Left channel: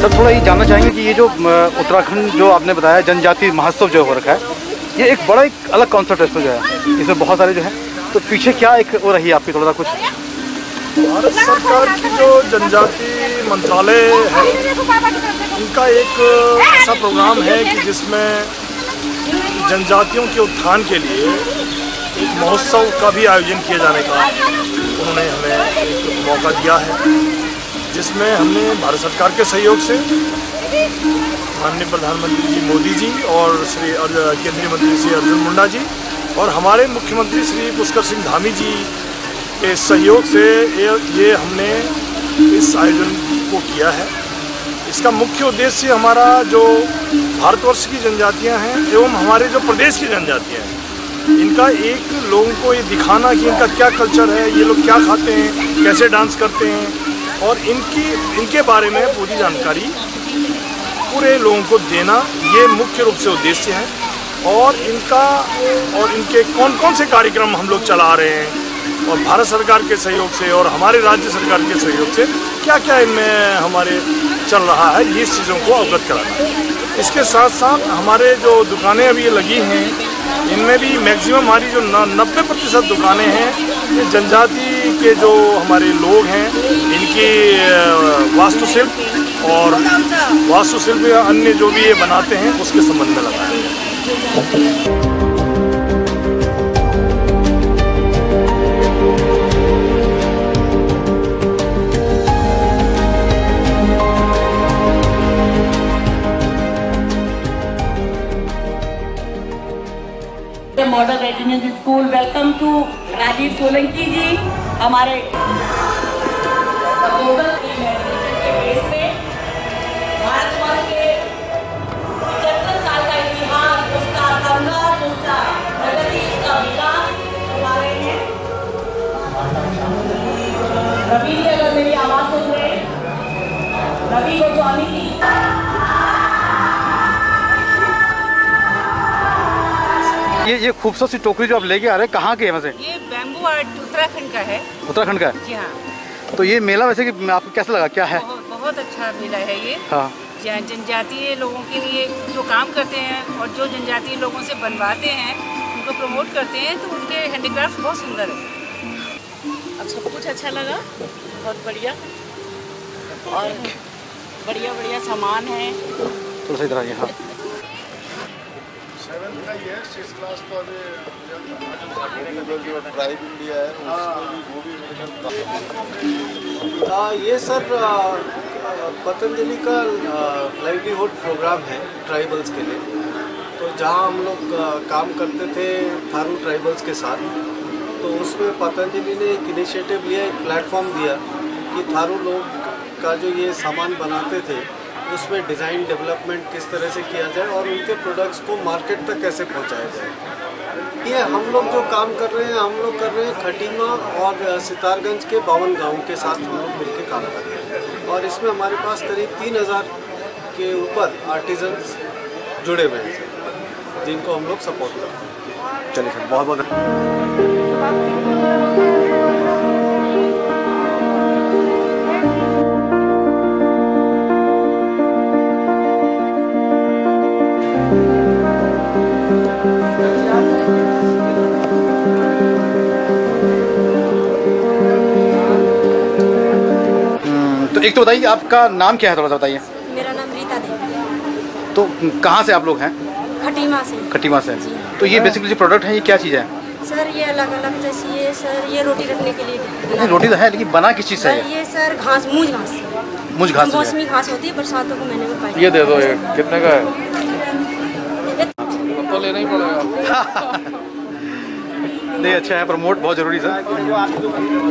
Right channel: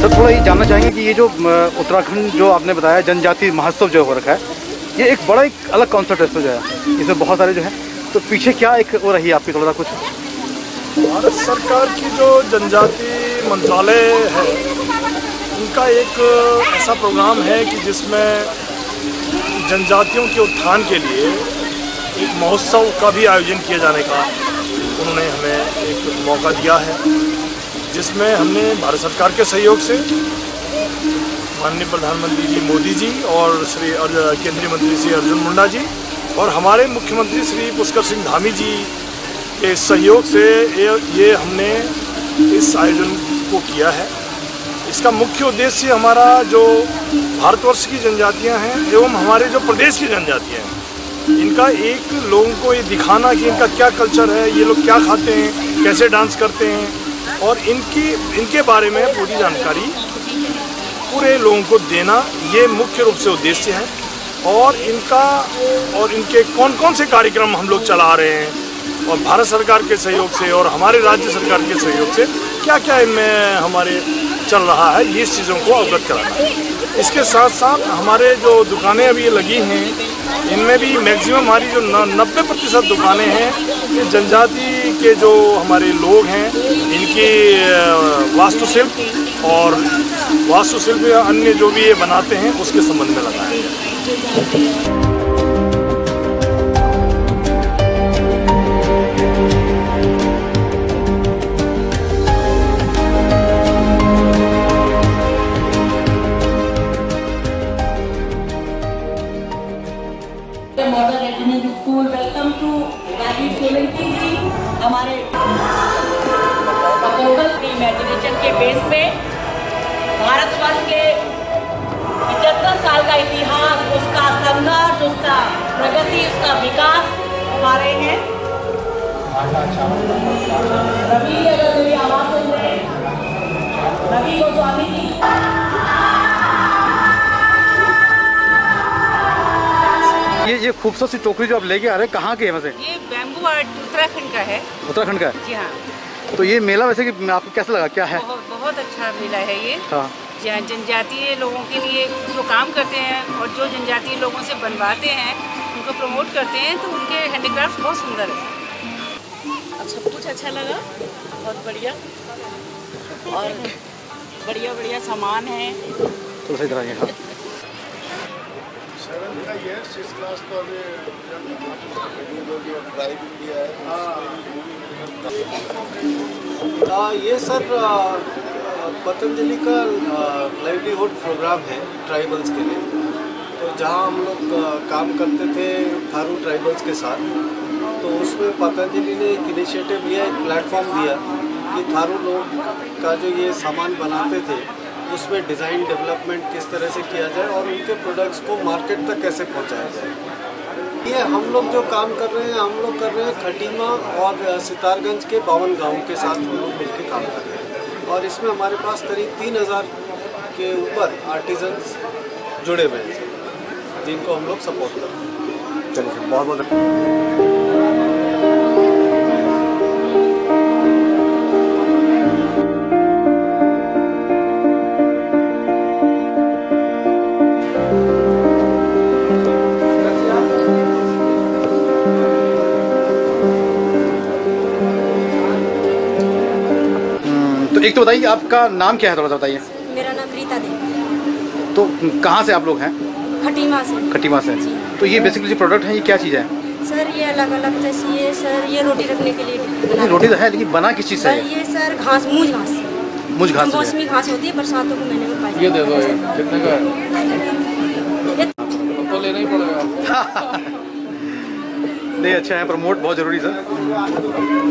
Sir थोड़ा ये जानना चाहेंगे कि ये जो उत्तराखंड जो आपने बताया जनजाति महोत्सव जो हो रखा है, ये एक बड़ा एक अलग कॉन्सेप्ट है इसमें जो है, इसमें बहुत सारे जो है, तो पीछे क्या एक वो रही आपकी थोड़ा सा कुछ? भारत सरकार की जो जनजाति मंत्रालय है, उनका एक ऐसा प्रोग्राम है कि जिसमें जनजातियों के उत्थान के लिए एक महोत्सव का भी आयोजन किए जाने का उन्होंने हमें एक मौका दिया है, जिसमें हमने भारत सरकार के सहयोग से माननीय प्रधानमंत्री जी मोदी जी और केंद्रीय मंत्री श्री अर्जुन मुंडा जी और हमारे मुख्यमंत्री श्री पुष्कर सिंह धामी जी के सहयोग से ये हमने इस आयोजन को किया है। इसका मुख्य उद्देश्य हमारा जो भारतवर्ष की जनजातियां हैं एवं हमारे जो प्रदेश की जनजातियां हैं, इनका एक लोगों को ये दिखाना कि इनका क्या कल्चर है, ये लोग क्या खाते हैं, कैसे डांस करते हैं, और इनके बारे में पूरी जानकारी पूरे लोगों को देना, ये मुख्य रूप से उद्देश्य है। और इनके कौन कौन से कार्यक्रम हम लोग चला रहे हैं और भारत सरकार के सहयोग से और हमारे राज्य सरकार के सहयोग से क्या क्या इनमें हमारे चल रहा है, ये चीज़ों को अवगत कराना है। इसके साथ साथ हमारे जो दुकानें अभी लगी हैं, इनमें भी मैक्सिमम हमारी जो 90% दुकानें हैं, ये जनजाति के जो हमारे लोग हैं, इनकी वास्तुशिल्प या अन्य जो भी ये बनाते हैं उसके संबंध में लगाया है। Model residence school, welcome to Rajiv Solanki ji. हमारे ग्लोबल इमेजिनेशन के बेस पे भारतवर्ष के 75 साल का इतिहास, उसका संघर्ष, उसका प्रगति, उसका विकास हमारे हैं। रवि, अगर मेरी आवाज सुन रहे हैं, रवि गोस्वामी जी। ये खूबसूरत सी टोकरी जो आप लेके आ रहे हैं, कहाँ के है वैसे? ये बैम्बू आर्ट उत्तराखंड का है। उत्तराखंड का है? जी हाँ। तो ये मेला वैसे कि आपको कैसा लगा, क्या है? बहुत अच्छा मेला है ये। हाँ। जनजातीय लोगों के लिए जो काम करते हैं और जो जनजातीय लोगों से बनवाते हैं, उनको प्रमोट करते हैं, तो उनके हैंडीक्राफ्ट बहुत सुंदर है। अब सब कुछ अच्छा लगा, बहुत बढ़िया, और बढ़िया सामान है। तो सही तरह हाँ। 7th का ये है, 6th क्लास तो अभी ट्राइब इंडिया है। ये सर पतंजलि का लाइवलीहुड प्रोग्राम है ट्राइबल्स के लिए। तो जहाँ हम लोग काम करते थे थारू ट्राइबल्स के साथ, तो उसमें पतंजलि ने एक इनिशिएटिव लिया, एक प्लेटफॉर्म दिया कि थारू लोग का जो ये सामान बनाते थे उसमें डिज़ाइन डेवलपमेंट किस तरह से किया जाए और उनके प्रोडक्ट्स को मार्केट तक कैसे पहुंचाया जाए। ये हम लोग जो काम कर रहे हैं, खटीमा और सितारगंज के 52 गाँव के साथ हम लोग मिलकर काम कर रहे हैं, और इसमें हमारे पास करीब 3000 के ऊपर आर्टिजन्स जुड़े हुए हैं जिनको हम लोग सपोर्ट करते हैं। चलिए सर, बहुत बहुत एक तो बताइए आपका नाम क्या है, थोड़ा सा बताइए। मेरा नाम रीता देवी है। तो कहाँ से आप लोग हैं? खटीमा से। खटीमा से। तो ये बेसिकली जो प्रोडक्ट है, ये क्या चीज़ है? सर ये अलग अलग, जैसे ये सर ये रोटी रखने के लिए। रोटी तो है, लेकिन बना किस चीज़ से? ये सर घास, मूंज घास। मूंज घास, मौसमी घास होती है, बरसातों को महीने में पाई। ये दे दो, ये कितने का है? तो लेना ही पड़ेगा। नहीं, अच्छा है, प्रमोट बहुत जरूरी सर।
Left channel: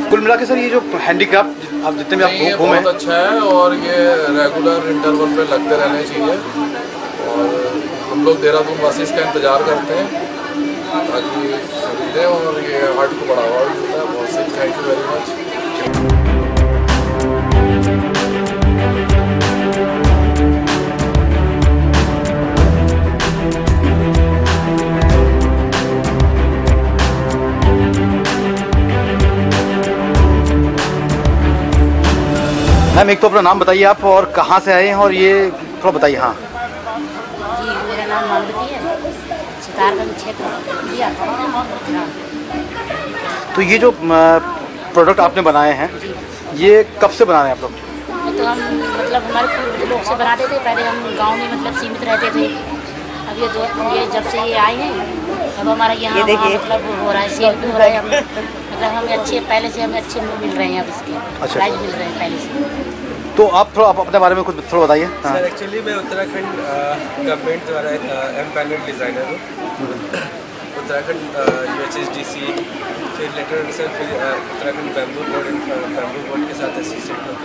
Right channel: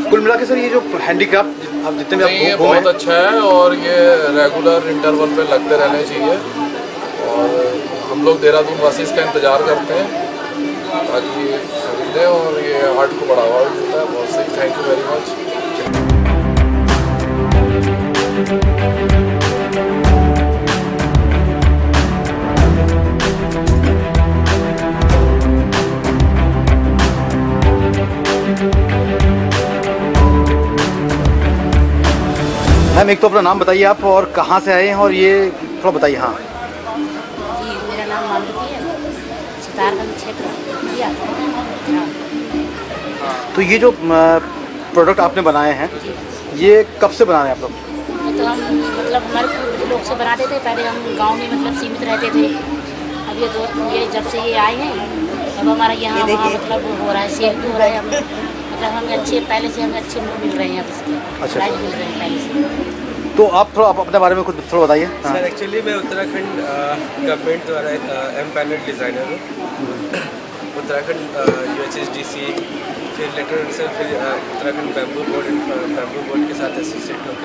कुल मिला के सर ये जो हैंडीक्राफ्ट आप जितने भी आप बहुत अच्छा है, और ये रेगुलर इंटरवल पे लगते रहने चाहिए, और हम लोग देहरादून वासी इसका इंतज़ार करते हैं ताकि खरीदें और ये आर्ट को बढ़ावा मिलता है। बहुत सही, thank you very much. Ma'am एक तो अपना नाम बताइए आप और कहाँ से आए हैं और ये थोड़ा बताइए। हाँ जी, मेरा नाम मालवती है, सितारगंज क्षेत्र। तो ये जो प्रोडक्ट आपने बनाए हैं ये कब से बना रहे हैं आप लोग? तो हम मतलब हमारे पूर्व लोग से बनाते थे, पहले हम गांव में मतलब सीमित रहते थे। अब ये जब से ये आए हैं अब हमारा यहाँ वहाँ मतलब हो रहा है, सेल भी हो रहा है। हम मतलब हमें अच्छे पहले से हमें अच्छे मिल रहे हैं, अब इसके प्राइस मिल रहे हैं पहले से। तो आप थोड़ा अपने बारे में कुछ थोड़ा बताइए। सर एक्चुअली मैं उत्तराखंड गवर्नमेंट द्वारा एम्पैनल्ड डिज़ाइनर हूँ। उत्तराखंड UHSDC फिर लेटर अनुसार फिर उत्तराखंड बैम्बू बोर्ड के साथ एसोसिएट होकर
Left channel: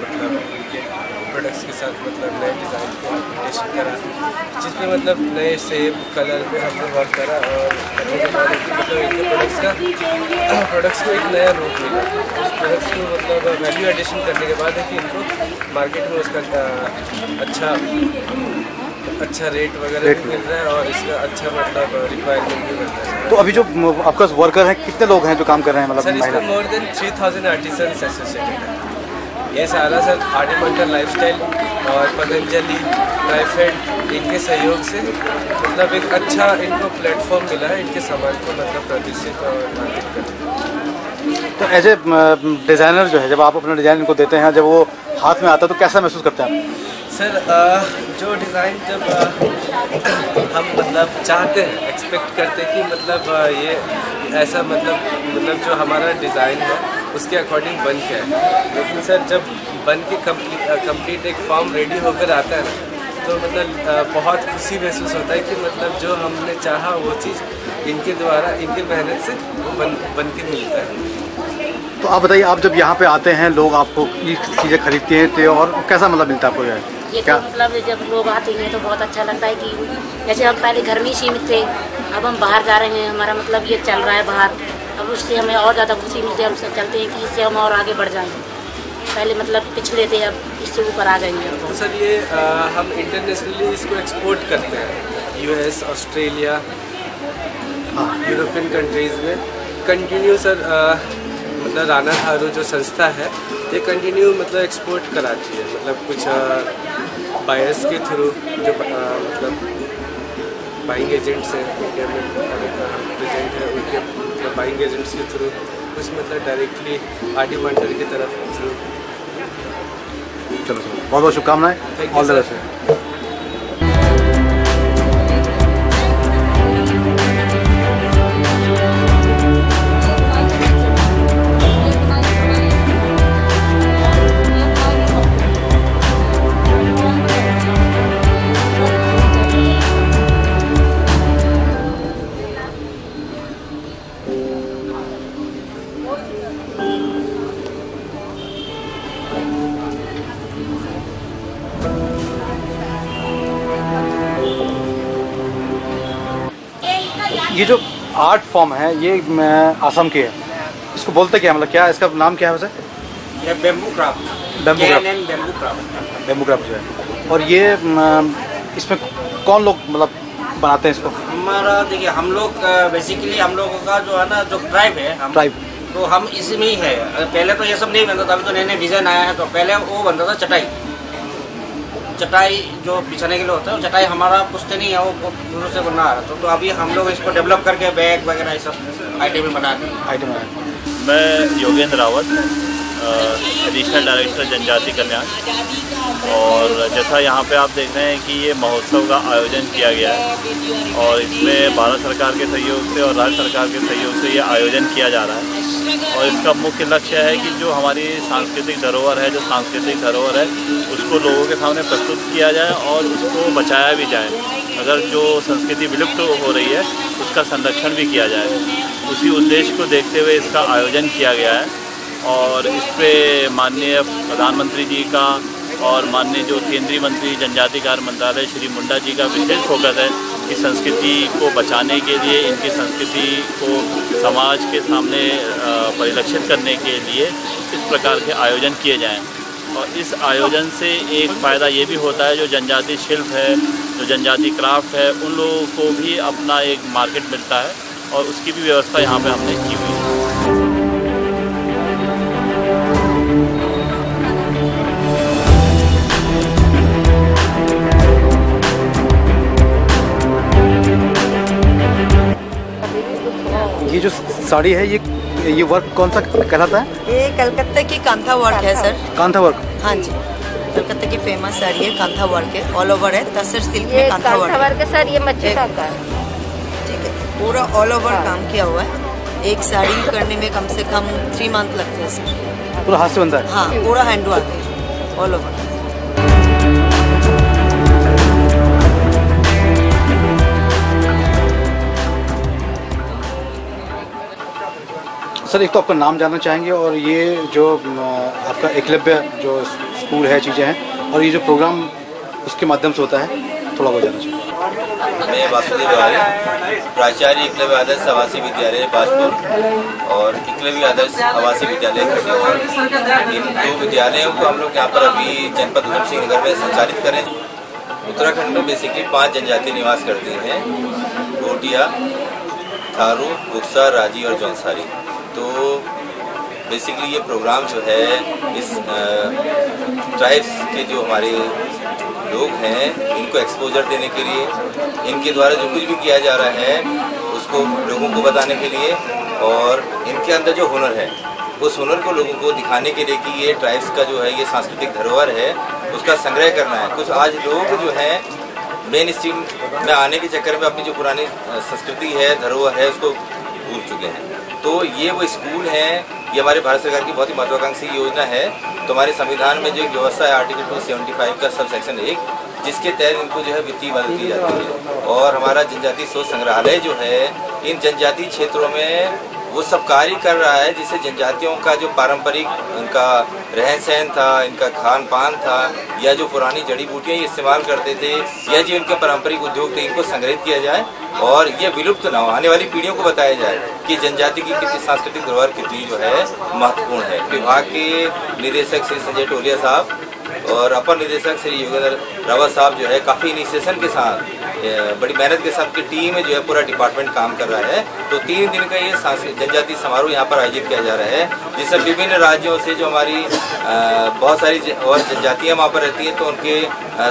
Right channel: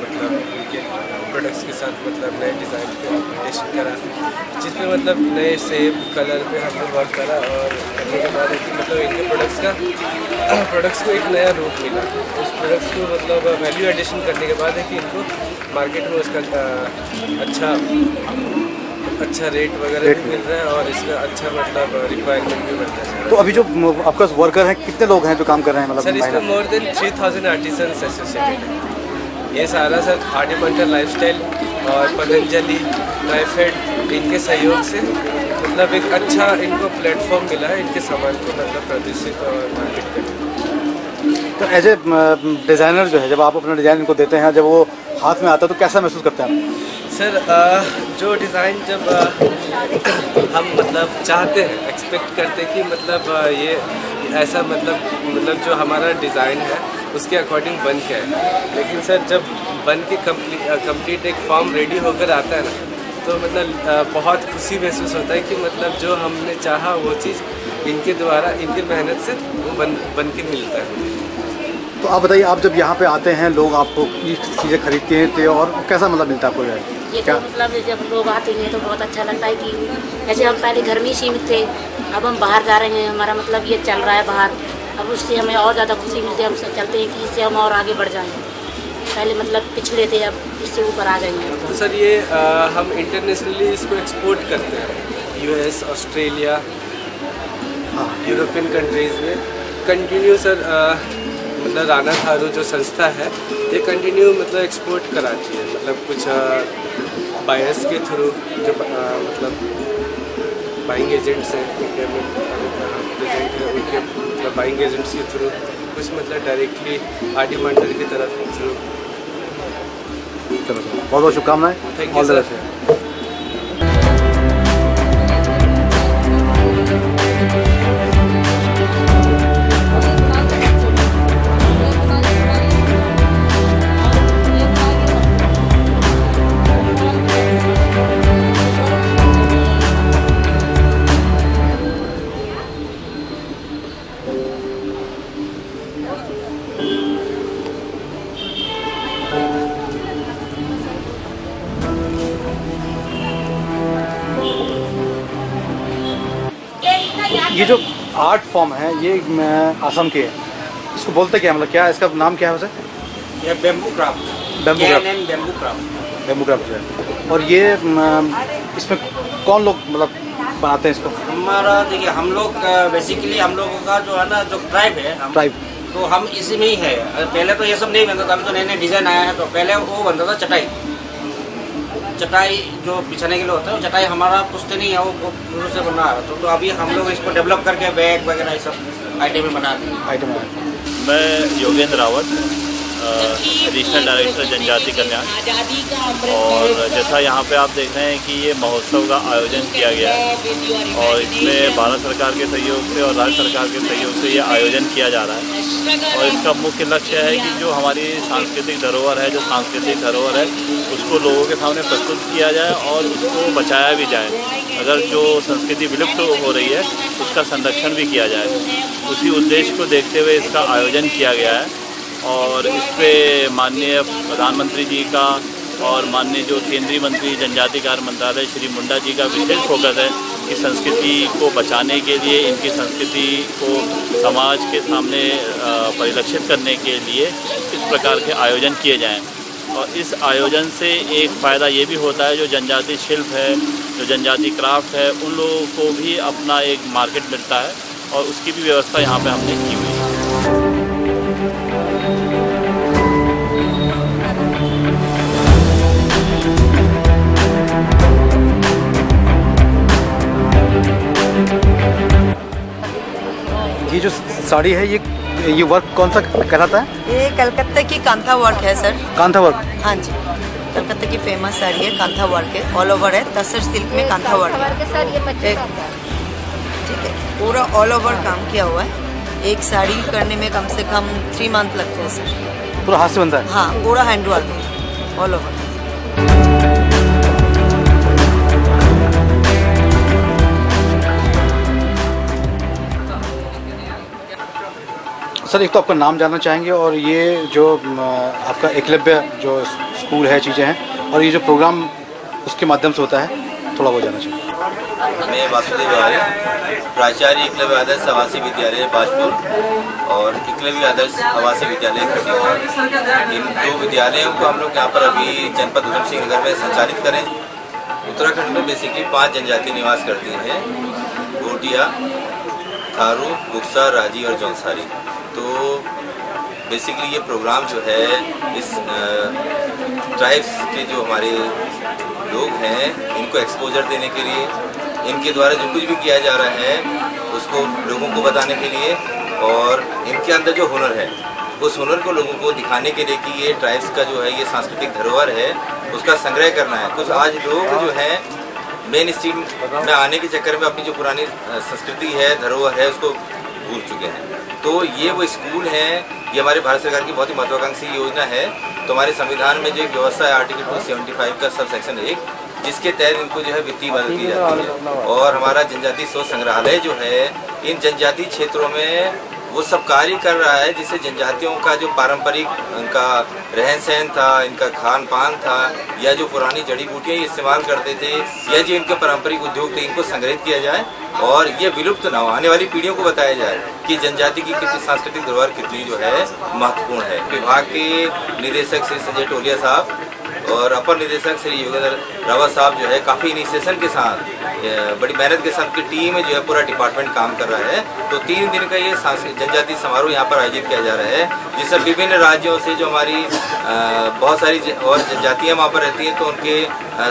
मतलब उनके प्रोडक्ट्स के साथ मतलब नए डिज़ाइन पे अपडेशन करा, जिसमें मतलब नए शेप कलर पे हमने वर्क करा और करने के बाद मतलब इनके प्रोडक्ट्स को एक नया रूप मिला। उस प्रोडक्ट्स को मतलब वैल्यू एडिशन करने के बाद है कि इनको मार्केट में उसका अच्छा रेट वगैरह भी मिल रहा है और इसका अच्छा मतलब रिक्वायरमेंट भी बढ़ता है। तो अभी जो आपका वर्कर हैं कितने लोग हैं जो काम कर रहे हैं? मतलब सर इसमें मोर देन 3000 आर्टिसंस एसोसिएटेड है। ये सारा सर आर्टिमेंटल लाइफस्टाइल और पतंजलि ट्राइफेड इनके सहयोग से मतलब एक अच्छा इनको प्लेटफॉर्म मिला है इनके सामान को मतलब प्रदर्शित और मार्केट करने। तो एज ए डिज़ाइनर जो है जब आप अपना डिज़ाइन इनको देते हैं, जब वो हाथ में आता है तो कैसा महसूस करते हैं आप? सर जो डिज़ाइन जब हम मतलब चाहते हैं एक्सपेक्ट करते हैं कि मतलब ये ऐसा मतलब जो हमारा डिज़ाइन है उसके अकॉर्डिंग बन के है, लेकिन सर जब बन के कंप्लीट एक फॉर्म रेडी होकर आता है ना तो मतलब बहुत खुशी महसूस होता है कि मतलब जो हमने चाहा वो चीज़ इनके द्वारा इनकी मेहनत से वो बन के मिलता है। तो आप बताइए, आप जब यहाँ पे आते हैं लोग आपको ये चीज़ें खरीदते हैं तो और कैसा मतलब मिलता है आपको? ये तो मतलब जब लोग आते हैं तो बहुत अच्छा लगता है कि जैसे हम पहले घर में ही सीमित थे, अब हम बाहर जा रहे हैं, हमारा मतलब ये चल रहा है बाहर, अब उससे हमें और ज़्यादा खुशी मिलती है। हम चलते हैं कि इससे हम और आगे बढ़ जाएँ। पहले मतलब पिछड़े थे, अब इससे ऊपर आ गए हैं। तो सर ये हम इंटरनेशनली इसको एक्सपोर्ट करते हैं US, ऑस्ट्रेलिया, यूरोपियन कंट्रीज़ में कंटिन्यू सर मतलब राणा थारू जो संस्था है ये कंटिन्यू मतलब एक्सपोर्ट कराती है। मतलब कुछ बायर्स के थ्रू जो मतलब बाइंग एजेंट्स हैं इंडिया में प्रेजेंट है उनके मतलब बाइंग एजेंट्स के थ्रू, कुछ मतलब डायरेक्टली आर्टिमेंटल की तरफ थ्रू। चलो बहुत बहुत शुभकामनाएं। Thank you sir. ये जो आर्ट फॉर्म है ये आसाम के है, इसको बोलते क्या मतलब क्या इसका नाम क्या है वैसे? ये बेम्बू क्राफ्ट। बेम्बू क्राफ्ट है। और ये इसमें कौन लोग मतलब बनाते हैं इसको? हमारा देखिए हम लोग बेसिकली हम लोगों का जो है ना जो ट्राइब है ट्राइब, तो हम इसी में ही है। पहले तो ये सब नहीं बनता था, अभी तो नए नए डिज़ाइन आया है। तो पहले वो बनता था चटाई जो बिछाने के लिए होता है, वो चटाई हमारा पुश्ते नहीं है, वो शुरू से बना रहा था। तो अभी हम लोग इसको डेवलप करके बैग वगैरह ये सब आइटम बना दिए। मैं योगेंद्र रावत, एडिशनल डायरेक्टर जनजाति कल्याण। और जैसा यहाँ पे आप देख रहे हैं कि ये महोत्सव का आयोजन किया गया है और इसमें भारत सरकार के सहयोग से और राज्य सरकार के सहयोग से ये आयोजन किया जा रहा है। और इसका मुख्य लक्ष्य है कि जो हमारी सांस्कृतिक धरोहर है, उसको लोगों के सामने प्रस्तुत किया जाए और उसको बचाया भी जाए। अगर जो संस्कृति विलुप्त हो रही है उसका संरक्षण भी किया जाए, उसी उद्देश्य को देखते हुए इसका आयोजन किया गया है। और इस पे माननीय प्रधानमंत्री जी का और माननीय जो केंद्रीय मंत्री जनजाति कार्य मंत्रालय श्री मुंडा जी का विशेष फोकस है कि संस्कृति को बचाने के लिए, इनकी संस्कृति को समाज के सामने परिलक्षित करने के लिए इस प्रकार के आयोजन किए जाएं। और इस आयोजन से एक फ़ायदा ये भी होता है, जो जनजाति शिल्प है, जो जनजाति क्राफ्ट है, उन लोगों को भी अपना एक मार्केट मिलता है और उसकी भी व्यवस्था यहाँ पे हमने की हुई है। साड़ी है, ये वर्क कौन सा कहलाता है? ये कलकत्ता की कांथा वर्क है सर। कांथा वर्क? हाँ जी, कलकत्ता की फेमस साड़ी है, कांथा वर्क है, ऑल ओवर है, तसर सिल्क में कांथा वर्क है सर। ये मच्छी का ठीक है, पूरा ऑल ओवर काम किया हुआ है। एक साड़ी करने में कम से कम 3 मंथ लगते हैं सर। पूरा हाथ से बनता है? हाँ, पूरा हैंडवर्क है, ऑल ओवर। सर एक तो आपका नाम जानना चाहेंगे, और ये जो आपका एकलव्य जो स्कूल है, चीज़ें हैं, और ये जो प्रोग्राम उसके माध्यम से होता है, थोड़ा वो जानना चाहिए। मैं वासुदेव तिवारी, प्राचार्य एकलव्य आदर्श आवासीय विद्यालय बाजपुर और एकलव्य आदर्श आवासीय विद्यालय खटीमा, इन 2 विद्यालयों को हम लोग यहाँ पर अभी जनपद उधम सिंह नगर में संचालित करें। उत्तराखंड में बेसिकली 5 जनजाति निवास करती हैं: भोटिया, थारू, बुक्सा, राजी और जौनसारी। तो बेसिकली ये प्रोग्राम जो है इस ट्राइब्स के जो हमारे लोग हैं इनको एक्सपोजर देने के लिए, इनके द्वारा जो कुछ भी किया जा रहा है उसको लोगों को बताने के लिए, और इनके अंदर जो हुनर है उस हुनर को लोगों को दिखाने के लिए कि ये ट्राइब्स का जो है ये सांस्कृतिक धरोहर है, उसका संग्रह करना है। कुछ आज लोग जो हैं मेन स्ट्रीम में आने के चक्कर में अपनी जो पुरानी संस्कृति है, धरोहर है, उसको भूल चुके हैं। तो ये वो स्कूल हैं, ये हमारे भारत सरकार की बहुत ही महत्वाकांक्षी योजना है। तो हमारे संविधान में जो एक व्यवस्था है आर्टिकल 275 का सब सेक्शन 1, जिसके तहत इनको जो है वित्तीय मदद की जाती है। और हमारा जनजाति शोध संग्रहालय जो है इन जनजातीय क्षेत्रों में वो सब कार्य कर रहा है, जिससे जनजातियों का जो पारंपरिक उनका रहन सहन था, इनका खान पान था, या जो पुरानी जड़ी बूटियाँ इस्तेमाल करते थे, या जो इनके पारंपरिक उद्योग थे, इनको संग्रहित किया जाए और ये विलुप्त न हो, आने वाली पीढ़ियों को बताया जाए कि जनजाति की कितनी सांस्कृतिक धरोहर कितनी जो है महत्वपूर्ण है। विभाग के निदेशक श्री संजय टोलिया साहब और अपर निदेशक श्री योगेंद्र रावत साहब जो है काफ़ी इनिशिएशन के साथ, बड़ी मेहनत के साथ की टीम में जो है पूरा डिपार्टमेंट काम कर रहा है। तो 3 दिन का ये जनजातीय समारोह यहाँ पर आयोजित किया जा रहा है, जिसमें विभिन्न राज्यों से जो हमारी बहुत सारी और जनजातियाँ वहाँ पर रहती हैं, तो उनके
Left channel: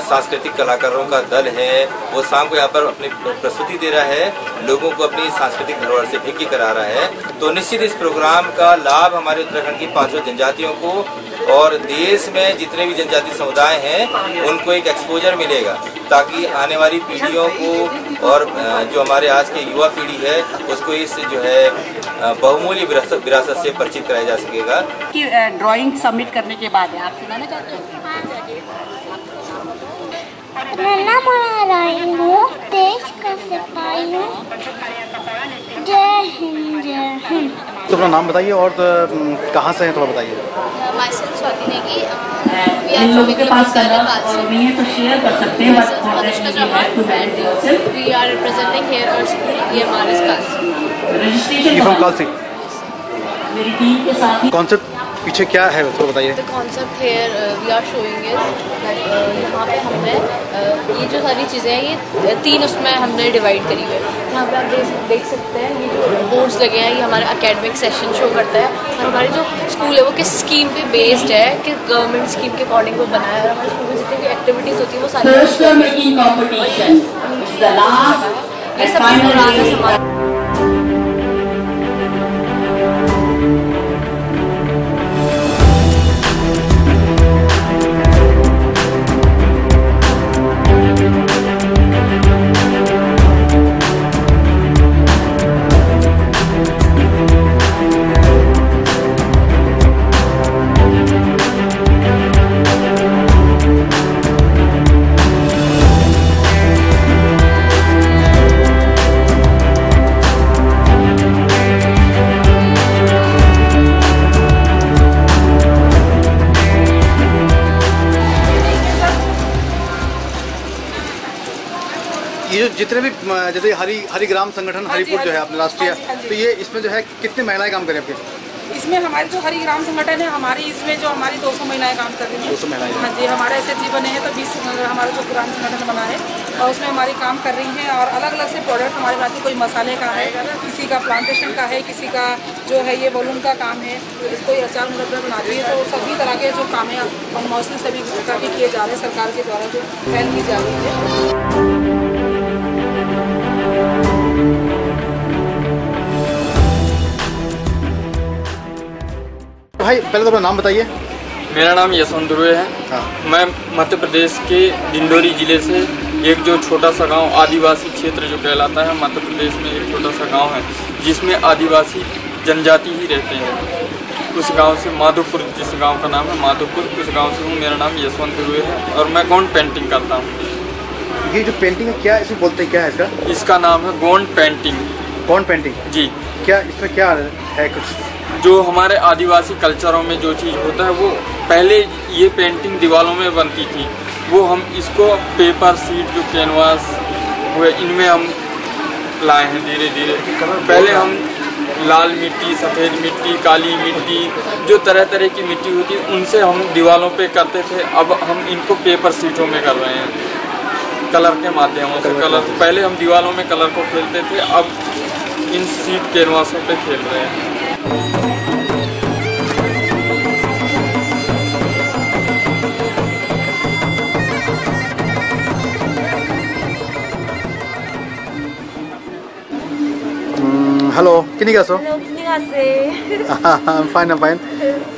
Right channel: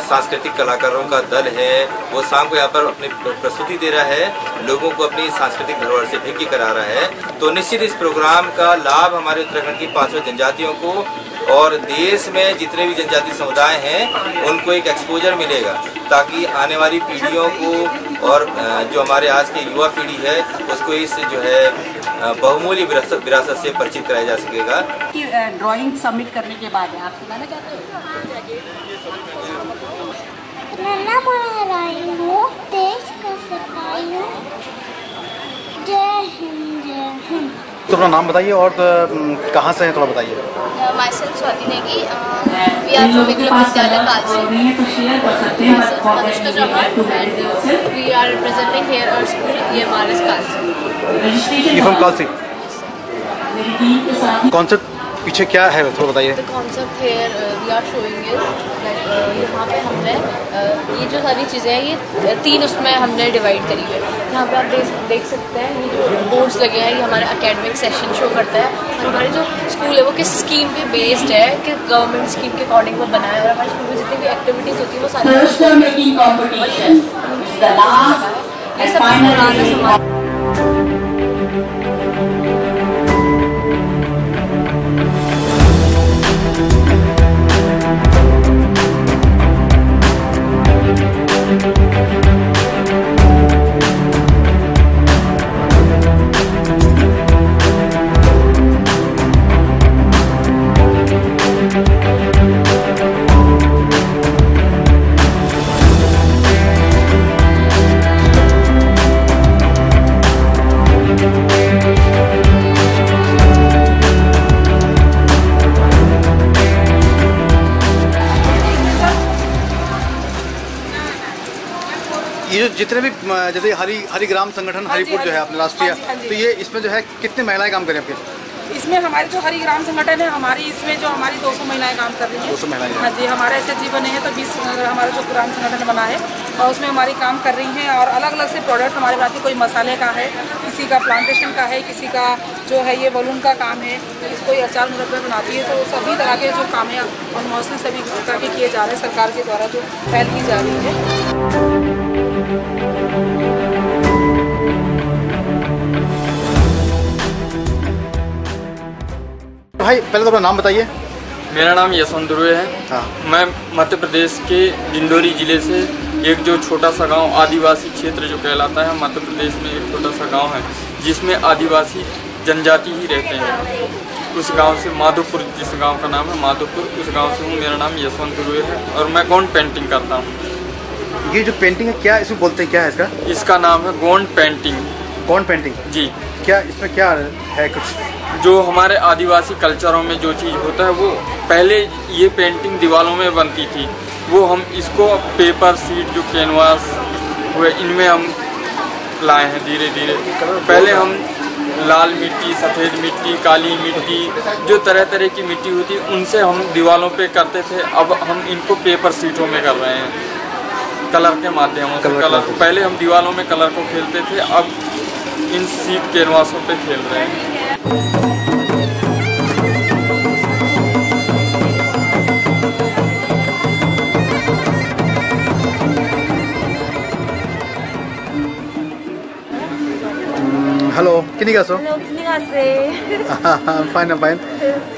सांस्कृतिक कलाकारों का दल है, वो शाम को यहाँ पर अपनी प्रस्तुति दे रहा है, लोगों को अपनी सांस्कृतिक धरोहर से भेंट करा रहा है। तो निश्चित इस प्रोग्राम का लाभ हमारे उत्तराखंड की 5 जनजातियों को और देश में जितने भी जनजातीय समुदाय हैं उनको एक एक्सपोजर मिलेगा, ताकि आने वाली पीढ़ियों को और जो हमारे आज के युवा पीढ़ी है उसको इस जो है बहुमूल्य विरासत से परिचित कराया जा सकेगा। कि ड्राइंग सबमिट करने के बाद आप सुनाना चाहते हो? नन्ना बना रही हूँ, देश का सिपाही हूँ। जय हिंद, जय हिंद। तो अपना नाम बताइए और कहाँ से हैं थोड़ा बताइए। Myself Swati Negi, we are from Vidyalaya Kalsi. Anushka Chauhan and we are representing here our school EMRS Kalsi. You from Kalsi? Concept पीछे क्या है थोड़ा बताइए। The concept here we are showing is that यहाँ पे हमने ये जो सारी चीज़ें हैं ये 3 उसमें हमने डिवाइड करी है। यहाँ पे आप देख सकते हैं ये जो बोर्ड्स लगे हैं ये हमारे एकेडमिक सेशन शो करता है, और हमारे जो स्कूल है वो किस स्कीम पे बेस्ड है, कि गवर्नमेंट स्कीम के अकॉर्डिंग वो बना है, और हमारे स्कूल में जितनी भी एक्टिविटीज़ होती है वो सारी ये सब पुराना समाज। ये जितने भी जैसे हरिग्राम संगठन हरिपुर जो है अपना राष्ट्रीय, तो ये इसमें जो है कितने महिलाएं काम करें आपके? इसमें हमारे जो हरिग्राम संगठन है हमारी, इसमें जो हमारी 200 महिलाएं काम कर रही हैं। 200 महिलाएं? हाँ जी, हमारा ऐसे जीवन है तो 20 हमारा जो पुराना संगठन बना है और उसमें हमारी काम कर रही हैं, और अलग अलग से प्रोडक्ट हमारे बनाती, कोई मसाले का है, किसी का प्लांटेशन का है, किसी का जो है ये बलून का काम है, कोई अचार मुरब्बा बनाती है। तो सभी तरह के जो काम है और मोस्टली सभी प्रकार के किए जा रहे हैं, सरकार के द्वारा जो पहल की जा रही है। भाई पहले तो अपना नाम बताइए। मेरा नाम यशवंत दुर्वे है। मैं मध्य प्रदेश के डिंडोरी जिले से एक जो छोटा सा गांव आदिवासी क्षेत्र जो कहलाता है, मध्य प्रदेश में एक छोटा सा गांव है जिसमें आदिवासी जनजाति ही रहते हैं। उस गांव से माधोपुर, जिस गांव का नाम है माधोपुर, उस गांव से हूँ। मेरा नाम यशवंत दुर्वे है और मैं गोंड पेंटिंग करता हूँ। ये जो पेंटिंग है क्या इसमें बोलते हैं, क्या है इसका? इसका नाम है गोंड पेंटिंग। गोंड पेंटिंग जी। क्या इसमें क्या है कुछ? जो हमारे आदिवासी कल्चरों में जो चीज़ होता है वो पहले ये पेंटिंग दीवारों में बनती थी, वो हम इसको पेपर सीट जो कैनवास हुए इनमें हम लाए हैं धीरे धीरे। पहले हम लाल मिट्टी, सफ़ेद मिट्टी, काली मिट्टी, जो तरह तरह की मिट्टी होती है उनसे हम दीवारों पे करते थे। अब हम इनको पेपर सीटों में कर रहे हैं कलर के माध्यमों से। कलर पहले हम दीवारों में कलर को खेलते थे, अब इन सीट कैनवासों पे खेल रहे हैं। हेलो, किन्हीं का सो? हेलो, किन्हीं का से? फाइन।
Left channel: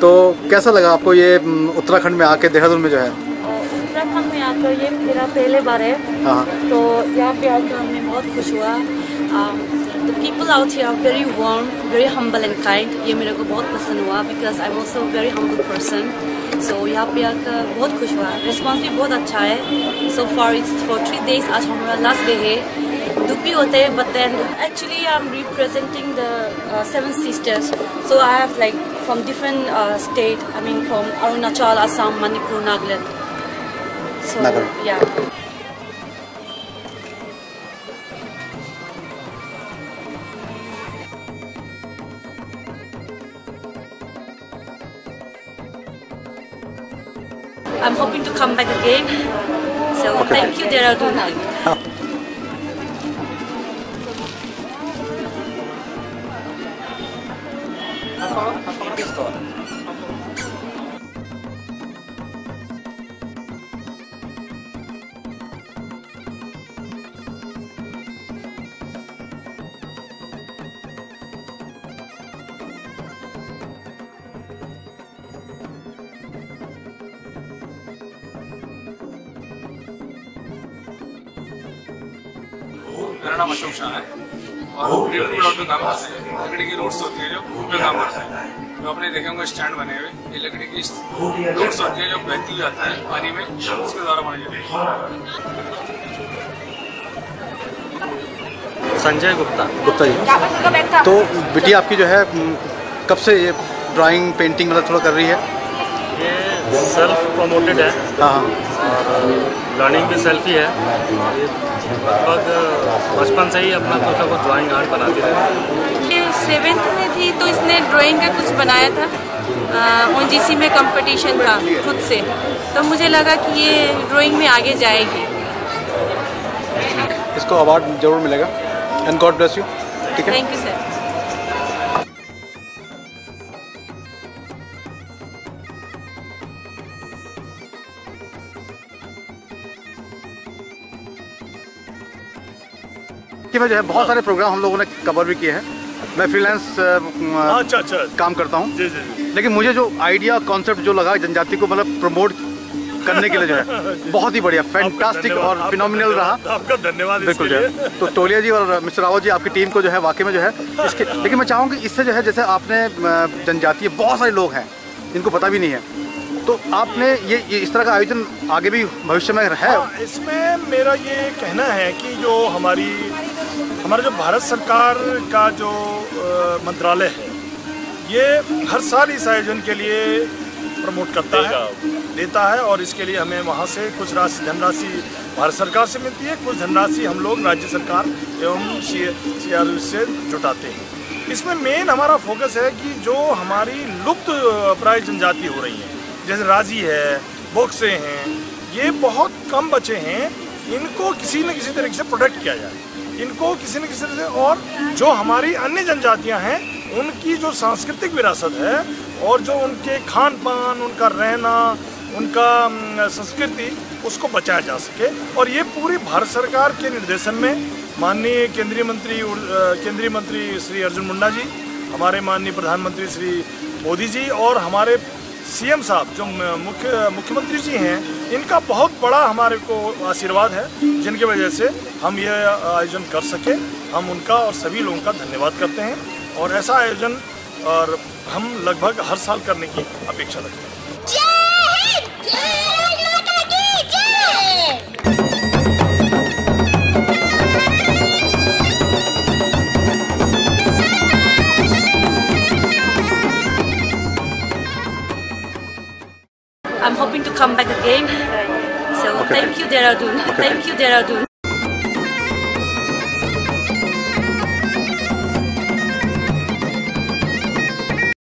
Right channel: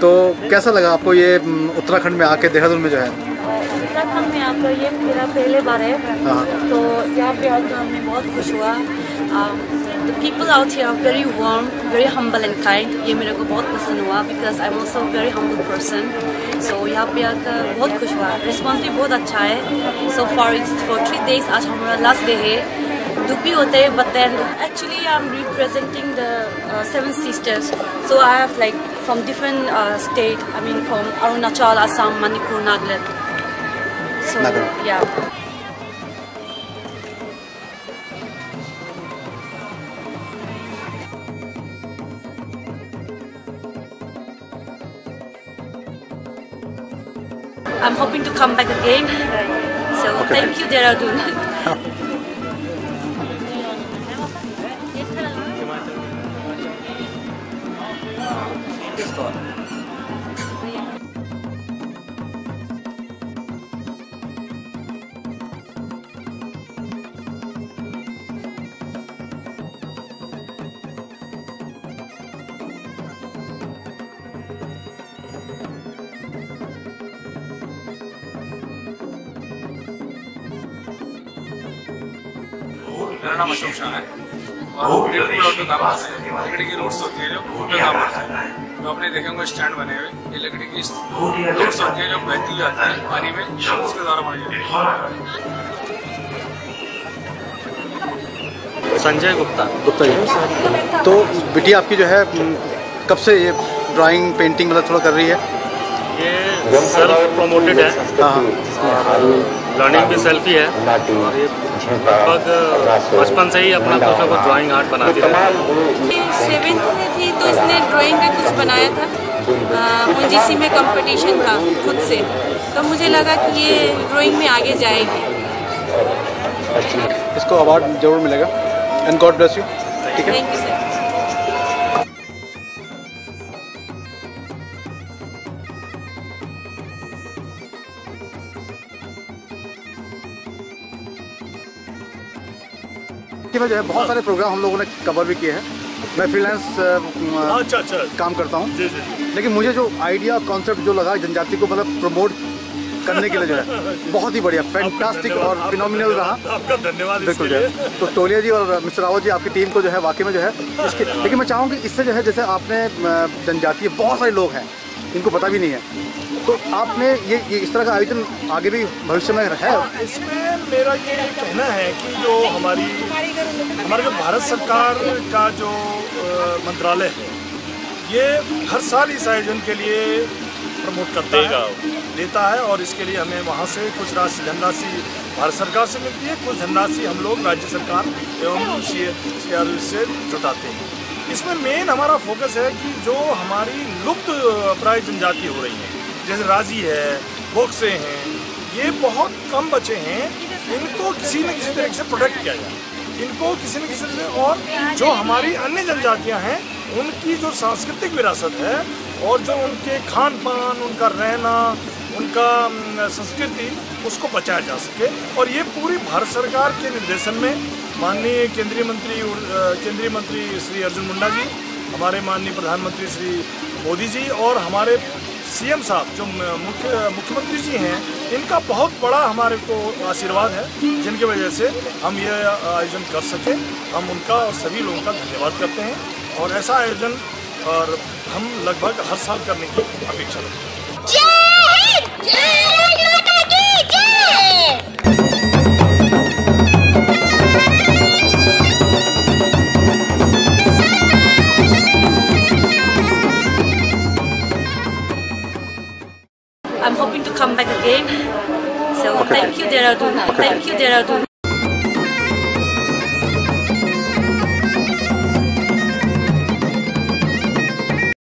तो कैसा लगा आपको ये उत्तराखंड में आके, देहरादून में जो है? उत्तराखंड में आकर ये मेरा पहले बार है। तो यहाँ पे आकर हमें बहुत खुश हुआ। The people out here are very warm, very humble and kind. ये मेरे को बहुत पसंद हुआ because I'm also a very humble person. So यहाँ पे आकर बहुत खुश हुआ। रिस्पॉन्स भी बहुत अच्छा है। So far it's for 3 days. आज हमारा लास्ट डे है। दुख भी होते हैं, but then actually I'm representing the 7 sisters. So I have like from different state. I mean from Arunachal, Assam, Manipur, Nagaland. So yeah. I'm hoping to come back again. So thank you, Dehradun. मेरा नाम अशोक शाह है और plot में काम करते हैं। लकड़ी की रोड्स होती है जो उन पे काम करते हैं। जो आपने देखे होंगे स्टैंड बने हुए, ये लकड़ी की रोड्स होती है जो बहती जाती है पानी में, उसके द्वारा बनाई जाती है। संजय गुप्ता जी। तो बिटिया आपकी जो है कब से ये ड्राइंग पेंटिंग मतलब थोड़ा कर रही है? ये सेल्फ प्रमोटेड है और लर्निंग भी सेल्फ ही है और ये लगभग बचपन से ही अपना कुछ ना कुछ ड्राइंग आर्ट बनाती रहती है। 7th में थी तो इसने ड्राइंग का कुछ बनाया था, ONGC में कंपटीशन था खुद से, तो मुझे लगा कि ये ड्राइंग में आगे जाएगी। इसको अवार्ड जरूर मिलेगा एंड गॉड ब्लेस यू। ठीक है, थैंक यू सर। में जो है बहुत सारे प्रोग्राम हम लोगों ने कवर भी किए हैं। मैं फ्रीलांस काम करता हूँ, लेकिन मुझे जो आइडिया कॉन्सेप्ट जो लगा जनजाति को मतलब प्रमोट करने के लिए जो है बहुत ही बढ़िया, फैंटास्टिक और फिनोमिनल रहा। आपका धन्यवाद। बिल्कुल जो है तो टोलिया जी और मिस्टर रावत जी आपकी टीम को जो है वाकई में जो है इसके, लेकिन मैं चाहूँगी इससे जो है जैसे आपने जनजातीय बहुत सारे लोग हैं जिनको पता भी नहीं है, तो आपने ये इस तरह का आयोजन आगे भी भविष्य में है? इसमें मेरा ये कहना है कि जो हमारा जो भारत सरकार का जो मंत्रालय है ये हर साल इस आयोजन के लिए प्रमोट करता है, देता है और इसके लिए हमें वहाँ से कुछ धनराशि भारत सरकार से मिलती है, कुछ धनराशि हम लोग राज्य सरकार एवं CRU से जुटाते हैं। इसमें मेन हमारा फोकस है कि जो हमारी लुप्त प्राय जनजाति हो रही हैं, जैसे राजी है, बोक्से हैं, ये बहुत कम बचे हैं, इनको किसी न किसी तरीके से प्रोटेक्ट किया जाए, इनको किसी न किसी तरह से, और जो हमारी अन्य जनजातियां हैं उनकी जो सांस्कृतिक विरासत है और जो उनके खान पान, उनका रहना, उनका संस्कृति, उसको बचाया जा सके। और ये पूरी भारत सरकार के निर्देशन में माननीय केंद्रीय मंत्री श्री अर्जुन मुंडा जी, हमारे माननीय प्रधानमंत्री श्री मोदी जी और हमारे सीएम साहब जो मुख्यमंत्री जी हैं, इनका बहुत बड़ा हमारे को आशीर्वाद है, जिनकी वजह से हम ये आयोजन कर सके। हम उनका और सभी लोगों का धन्यवाद करते हैं और ऐसा आयोजन और हम लगभग हर साल करने की अपेक्षा रखते हैं। I'm hoping to come back again. So thank you, Dehradun. Thank you, Dehradun.